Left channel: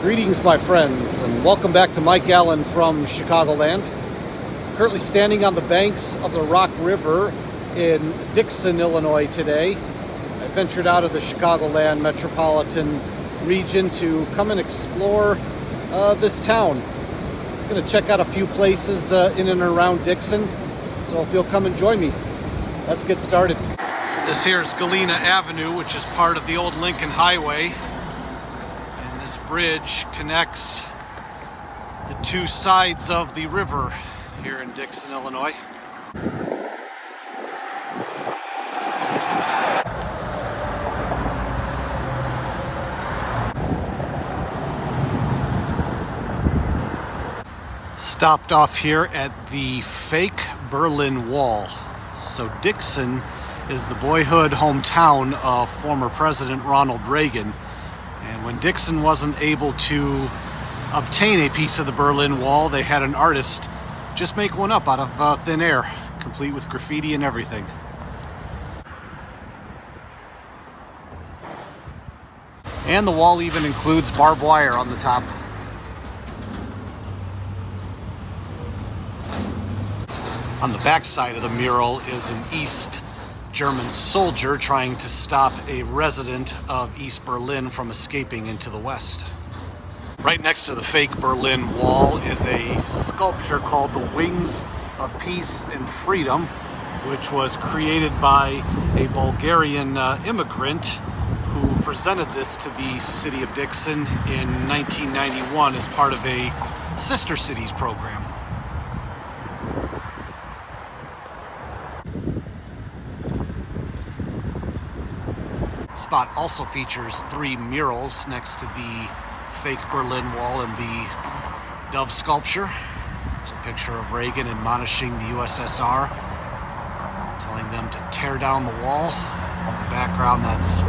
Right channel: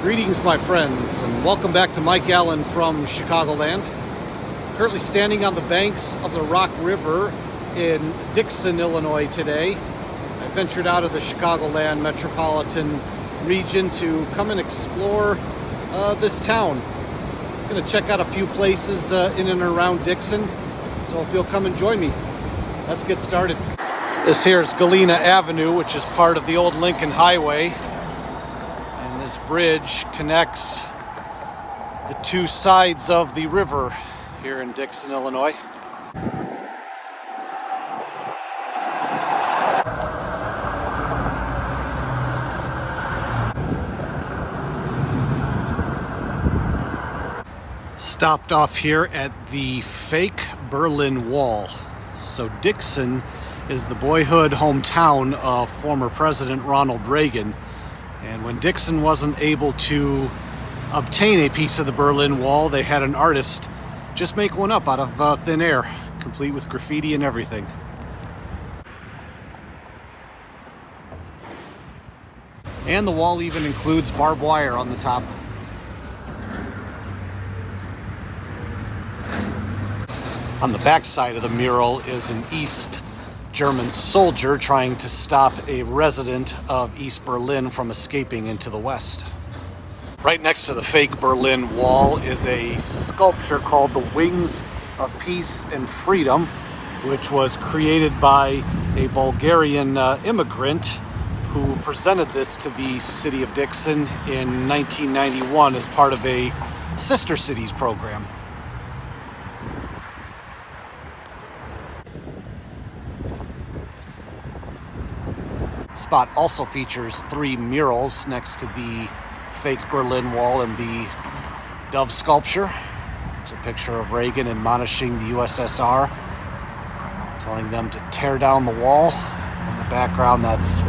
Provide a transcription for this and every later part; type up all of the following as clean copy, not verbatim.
Greetings, my friends, and welcome back to Mike Allen from Chicagoland. Currently standing on the banks of the Rock River in Dixon, Illinois today. I ventured out of the Chicagoland metropolitan region to come and explore this town. I'm going to check out a few places in and around Dixon, so if you'll come and join me, let's get started. This here is Galena Avenue, which is part of the old Lincoln Highway. And this bridge connects the two sides of the river here in Dixon, Illinois. Stopped off here at the fake Berlin Wall. So Dixon is the boyhood hometown of former President Ronald Reagan. And when Dixon wasn't able to obtain a piece of the Berlin Wall, they had an artist just make one up out of thin air, complete with graffiti and everything. And the wall even includes barbed wire on the top. On the back side of the mural is an East German soldier trying to stop a resident of East Berlin from escaping into the West. Right next to the fake Berlin Wall is a sculpture called the Wings of Peace and Freedom, which was created by a Bulgarian immigrant who presented this to the city of Dixon in 1991 as part of a Sister Cities program. Spot also features three murals next to the fake Berlin Wall and the dove sculpture. There's a picture of Reagan admonishing the USSR, telling them to tear down the wall. In the background, that's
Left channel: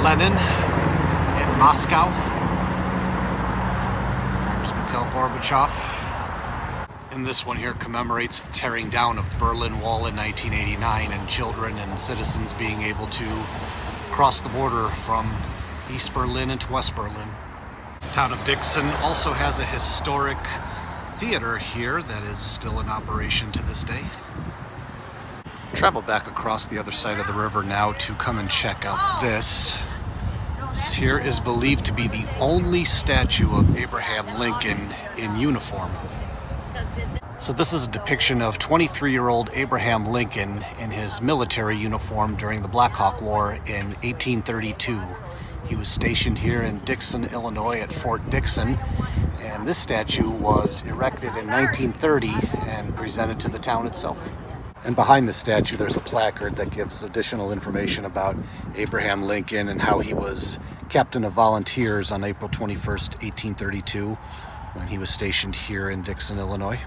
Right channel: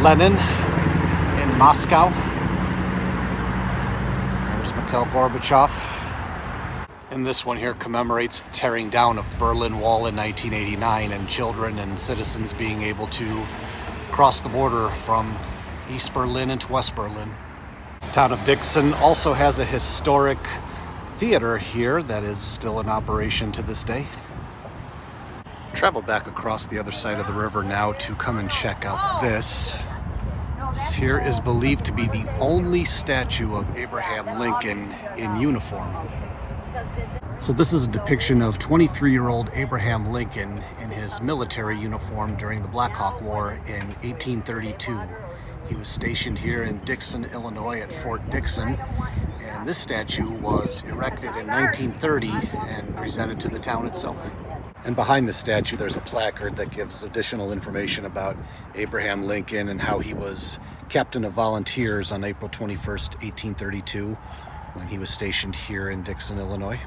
Lenin in Moscow. There's Mikhail Gorbachev. And this one here commemorates the tearing down of the Berlin Wall in 1989 and children and citizens being able to cross the border from East Berlin into West Berlin. The town of Dixon also has a historic theater here that is still in operation to this day. Travel back across the other side of the river now to come and check out this. This here is believed to be the only statue of Abraham Lincoln in uniform. So this is a depiction of 23-year-old Abraham Lincoln in his military uniform during the Black Hawk War in 1832. He was stationed here in Dixon, Illinois at Fort Dixon, and this statue was erected in 1930 and presented to the town itself. And behind the statue there's a placard that gives additional information about Abraham Lincoln and how he was captain of volunteers on April 21st, 1832, when he was stationed here in Dixon, Illinois.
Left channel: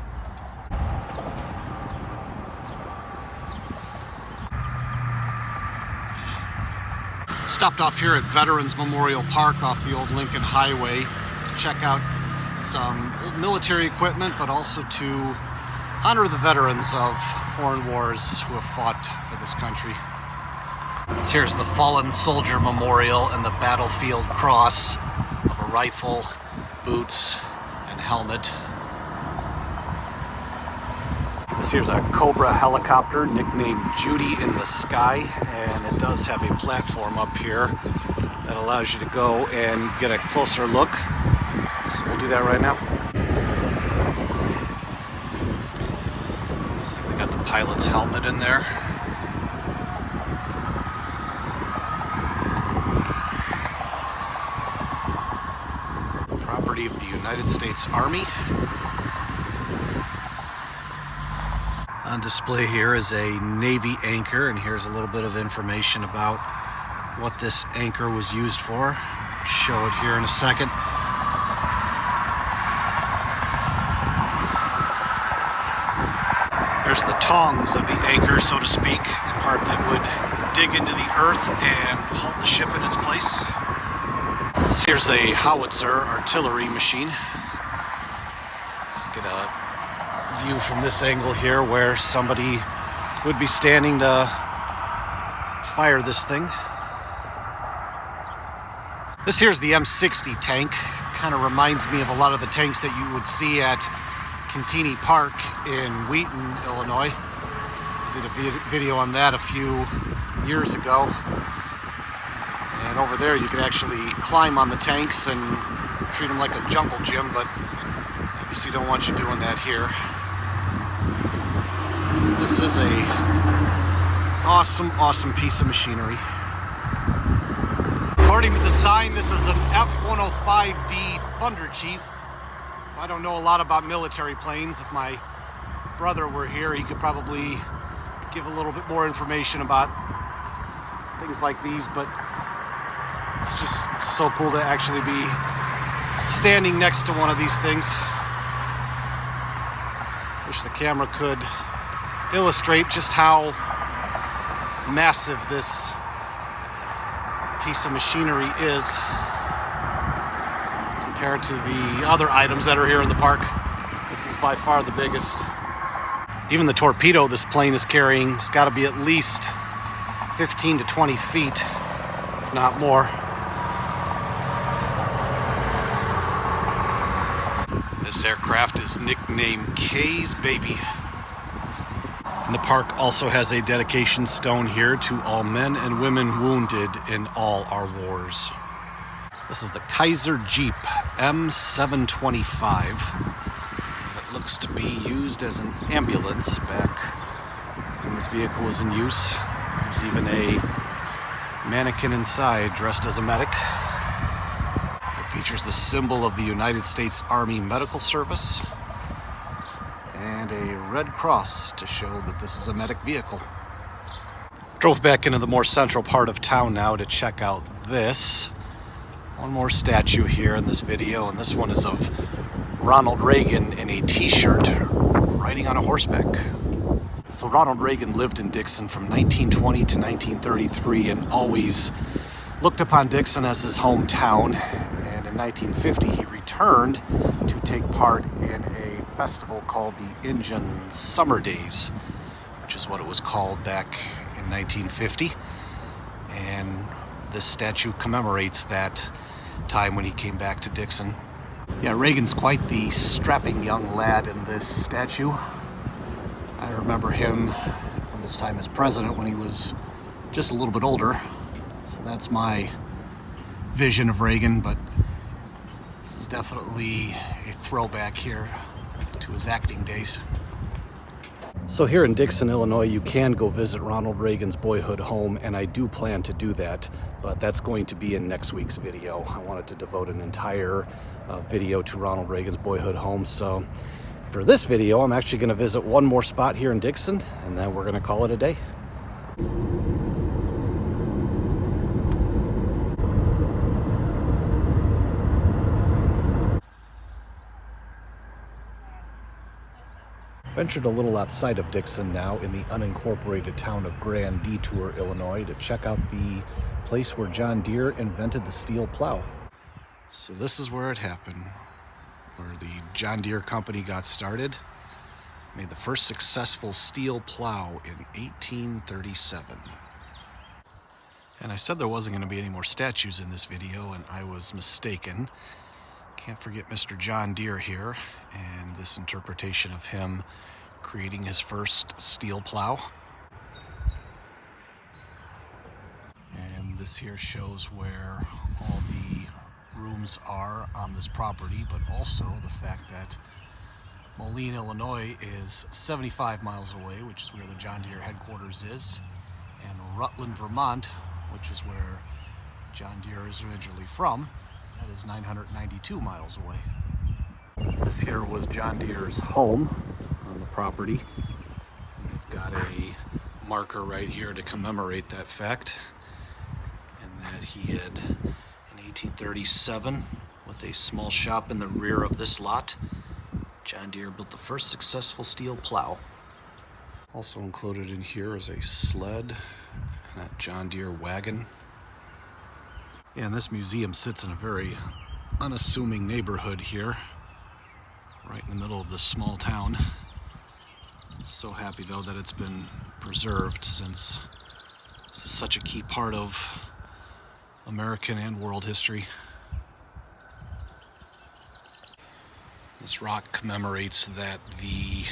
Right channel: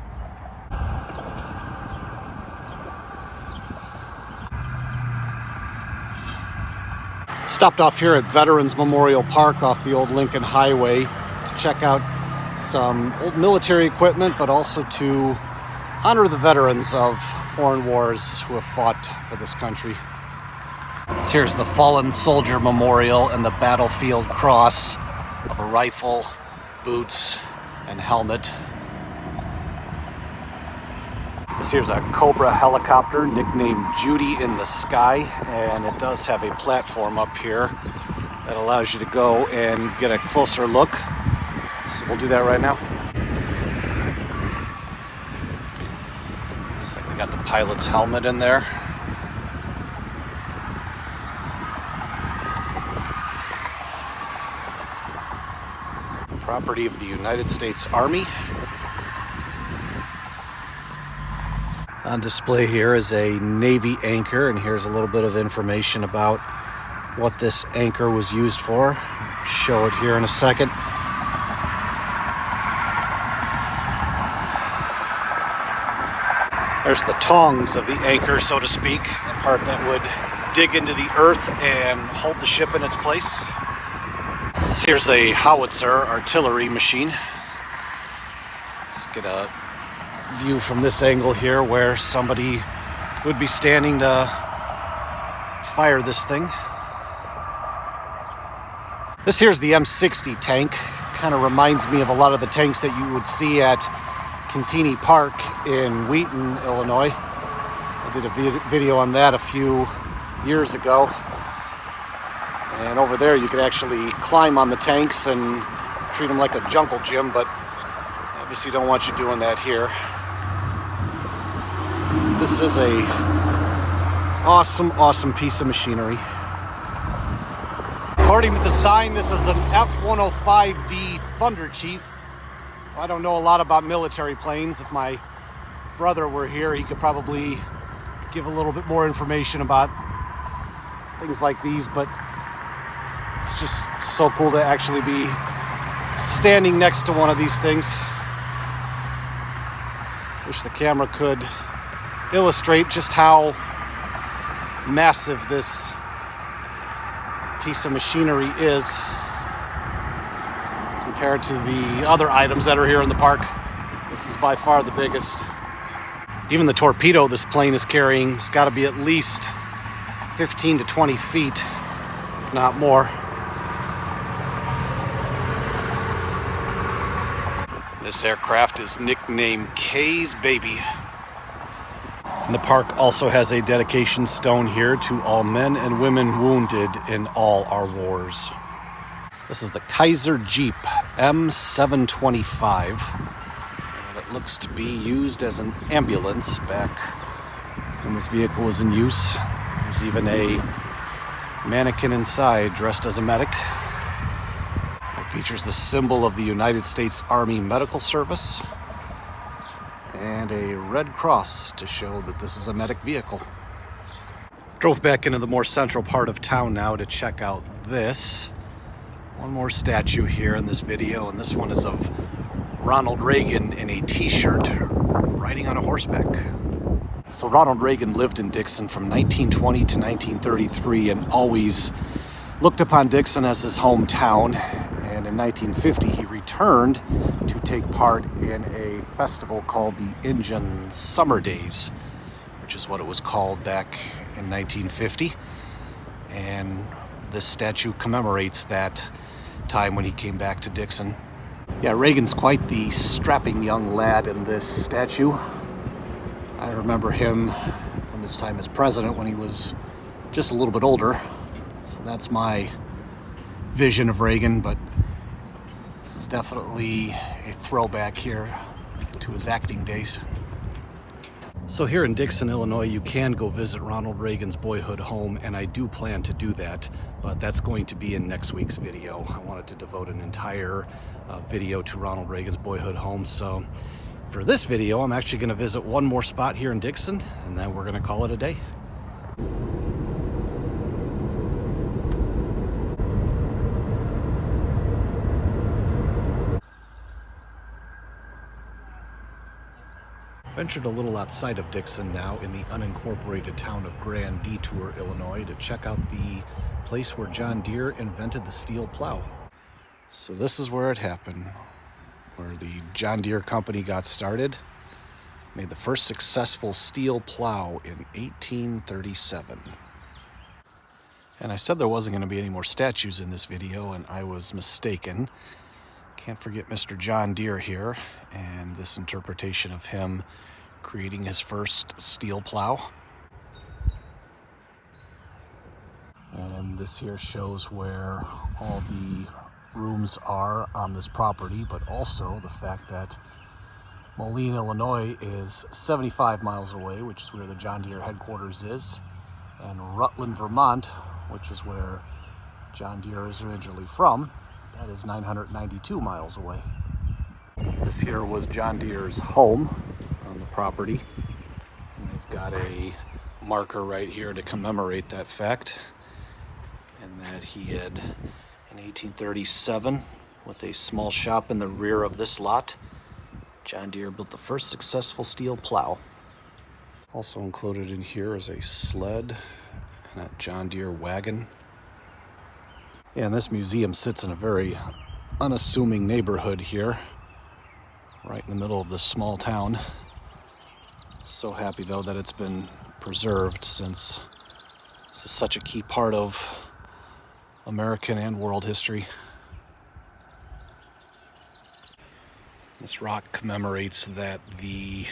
Stopped off here at Veterans Memorial Park off the old Lincoln Highway to check out some old military equipment, but also to honor the veterans of foreign wars who have fought for this country. Here's the Fallen Soldier Memorial and the battlefield cross of a rifle, boots, and helmet. This here's a Cobra helicopter nicknamed Judy in the Sky, and it does have a platform up here that allows you to go and get a closer look. So we'll do that right now. Looks like they got the pilot's helmet in there. Property of the United States Army. On display here is a Navy anchor, and here's a little bit of information about what this anchor was used for. Show it here in a second. There's the tongs of the anchor, so to speak, the part that would dig into the earth and hold the ship in its place. Here's a howitzer artillery machine. Let's get a view from this angle here where somebody would be standing to fire this thing. This here's the M60 tank. Kind of reminds me of a lot of the tanks that you would see at Cantini Park in Wheaton, Illinois. I did a video on that a few years ago. And over there you could actually climb on the tanks and treat them like a jungle gym, but obviously don't want you doing that here. This is a awesome piece of machinery. According to the sign, this is an F-105D Thunder Chief. I don't know a lot about military planes. If my brother were here, he could probably give a little bit more information about things like these, but it's just so cool to actually be standing next to one of these things. Wish the camera could illustrate just how massive this piece of machinery is compared to the other items that are here in the park. This is by far the biggest. Even the torpedo this plane is carrying has got to be at least 15 to 20 feet, if not more. This aircraft is nicknamed Kay's Baby. And the park also has a dedication stone here to all men and women wounded in all our wars. This is the Kaiser Jeep M725, and it looks to be used as an ambulance back when this vehicle was in use. There's even a mannequin inside dressed as a medic. It features the symbol of the United States Army Medical Service and a red cross to show that this is a medic vehicle. Drove back into the more central part of town now to check out this. One more statue here in this video, and this one is of Ronald Reagan in a t-shirt riding on a horseback. So Ronald Reagan lived in Dixon from 1920 to 1933 and always looked upon Dixon as his hometown. And in 1950 he returned to take part in a festival called the Invention Summer Days, which is what it was called back in 1950. And this statue commemorates that time when he came back to Dixon. Yeah, Reagan's quite the strapping young lad in this statue. I remember him from his time as president when he was just a little bit older. So that's my vision of Reagan, but this is definitely a throwback here to his acting days. So here in Dixon, Illinois, you can go visit Ronald Reagan's boyhood home, and I do plan to do that, but that's going to be in next week's video. I wanted to devote an entire video to Ronald Reagan's boyhood home. So for this video, I'm actually going to visit one more spot here in Dixon, and then we're going to call it a day. Ventured a little outside of Dixon now in the unincorporated town of Grand Detour, Illinois, to check out the place where John Deere invented the steel plow. So this is where it happened, where the John Deere company got started, made the first successful steel plow in 1837. And I said there wasn't going to be any more statues in this video, and I was mistaken. Can't forget Mr. John Deere here and this interpretation of him creating his first steel plow. And this here shows where all the rooms are on this property, but also the fact that Moline, Illinois is 75 miles away, which is where the John Deere headquarters is, and Rutland, Vermont, which is where John Deere is originally from, that is 992 miles away. This here was John Deere's home on the property, and they've got a marker right here to commemorate that fact, and that he had, in 1837, with a small shop in the rear of this lot, John Deere built the first successful steel plow. Also included in here is a sled and a John Deere wagon. Yeah, and this museum sits in a very unassuming neighborhood here, right in the middle of this small town. So happy though that it's been preserved, since this is such a key part of American and world history. This rock commemorates that the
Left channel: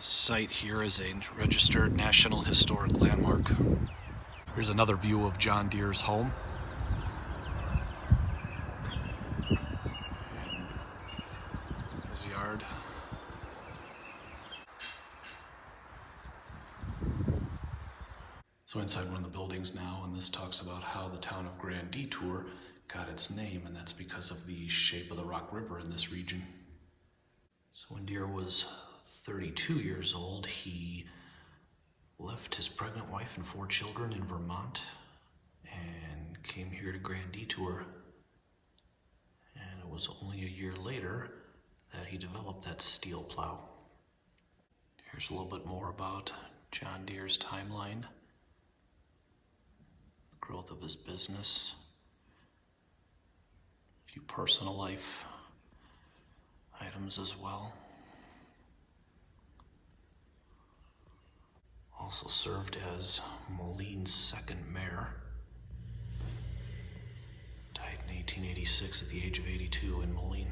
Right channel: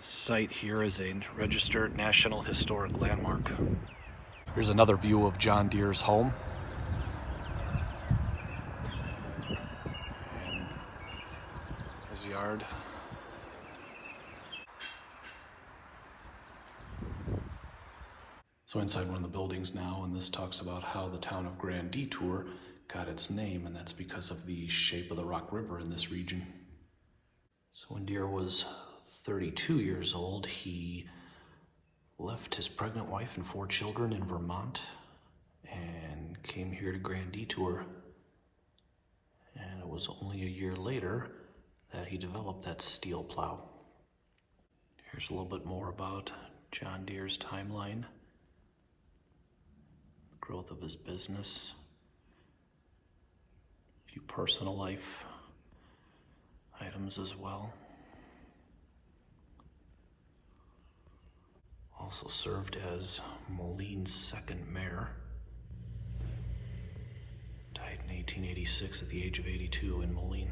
site here is a registered National Historic Landmark. Here's another view of John Deere's home. And his yard. So inside one of the buildings now, and this talks about how the town of Grand Detour got its name, and that's because of the shape of the Rock River in this region. So when Deere was 32 years old, he left his pregnant wife and 4 children in Vermont and came here to Grand Detour. And it was only a year later that he developed that steel plow. Here's a little bit more about John Deere's timeline. Growth of his business, a few personal life items as well. Also served as Moline's second mayor. Died in 1886 at the age of 82 in Moline.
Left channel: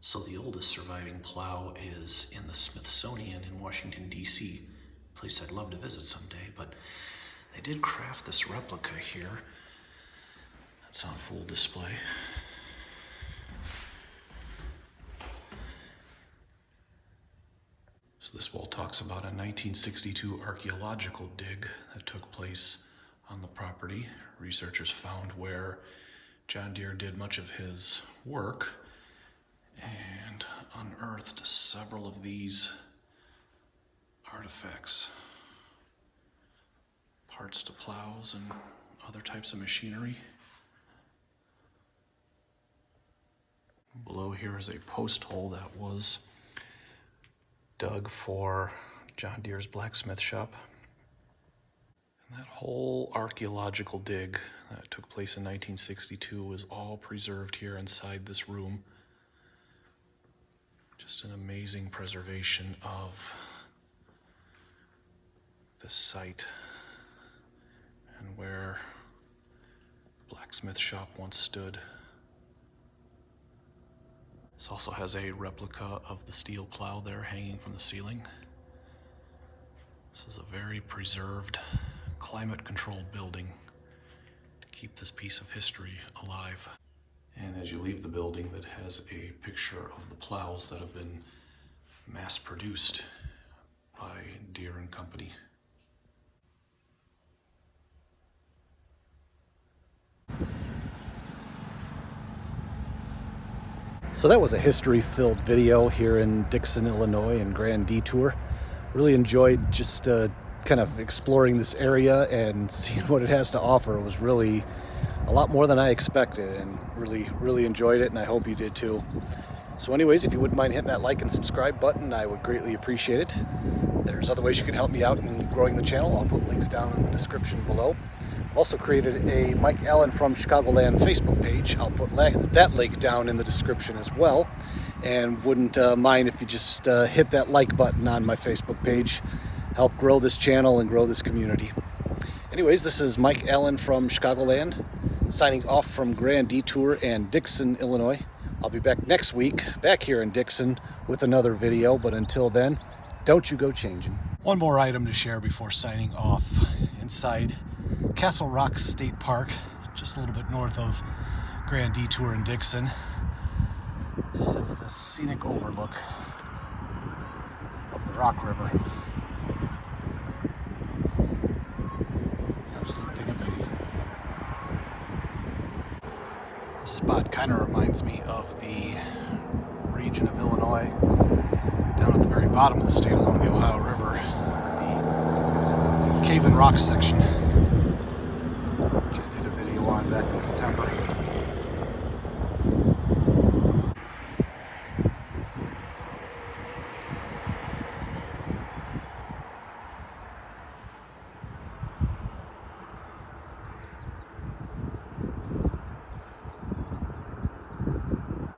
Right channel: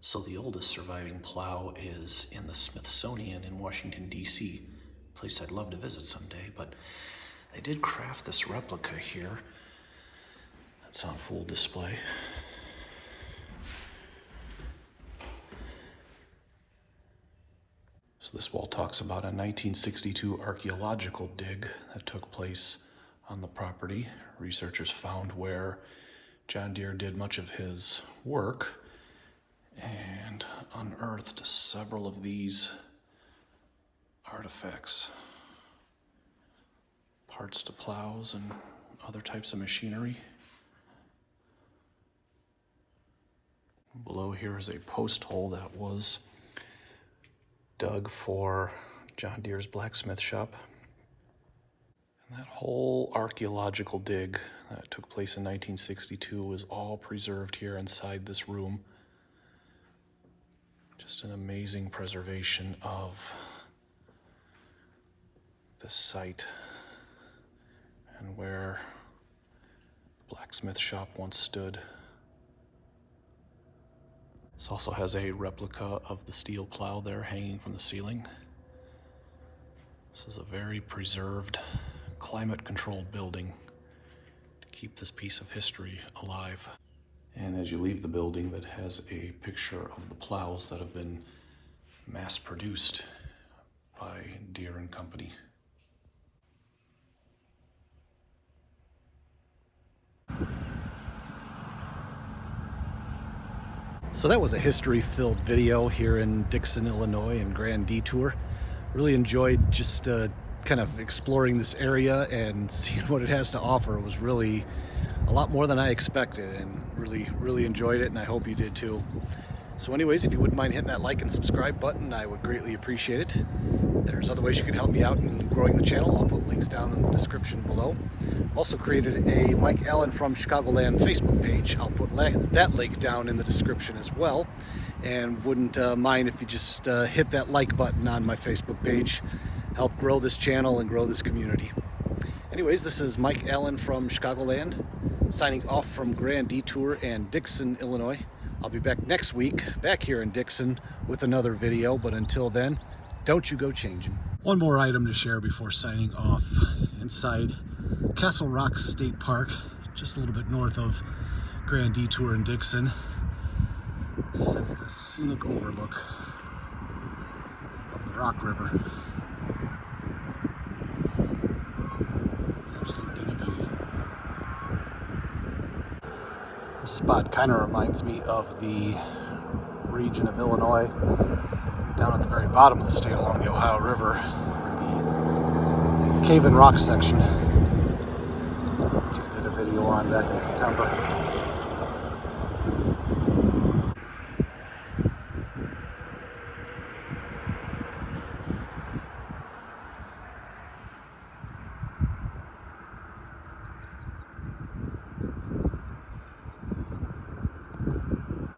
So the oldest surviving plow is in the Smithsonian in Washington, D.C., a place I'd love to visit someday, but they did craft this replica here. That's on full display. So this wall talks about a 1962 archaeological dig that took place on the property. Researchers found where John Deere did much of his work and unearthed several of these artifacts. Parts to plows and other types of machinery. Below here is a post hole that was dug for John Deere's blacksmith shop. And that whole archaeological dig that took place in 1962 was all preserved here inside this room. Just an amazing preservation of the site and where the blacksmith shop once stood. This also has a replica of the steel plow there hanging from the ceiling. This is a very preserved, climate-controlled building to keep this piece of history alive. And as you leave the building, that has a picture of the plows that have been mass-produced by Deere and Company. So that was a history-filled video here in Dixon, Illinois and Grand Detour. Really enjoyed just kind of exploring this area and seeing what it has to offer. It was really a lot more than I expected, and really enjoyed it, and I hope you did too. So anyways, if you wouldn't mind hitting that like and subscribe button, I would greatly appreciate it. There's other ways you can help me out in growing the channel. I'll put links down in the description below. I've also created a Mike Allen from Chicagoland Facebook page. I'll put that link down in the description as well. And wouldn't mind if you just hit that like button on my Facebook page. Help grow this channel and grow this community. Anyways, this is Mike Allen from Chicagoland, signing off from Grand Detour and Dixon, Illinois. I'll be back next week, back here in Dixon, with another video. But until then, don't you go changing. One more item to share before signing off. Inside Castle Rock State Park, just a little bit north of Grand Detour and Dixon, sits the scenic overlook of the Rock River. Absolute thing of beauty. This spot kind of reminds me of the region of Illinois down at the very bottom of the state along the Ohio River, the Cave and Rock section, which I did a video on back in September.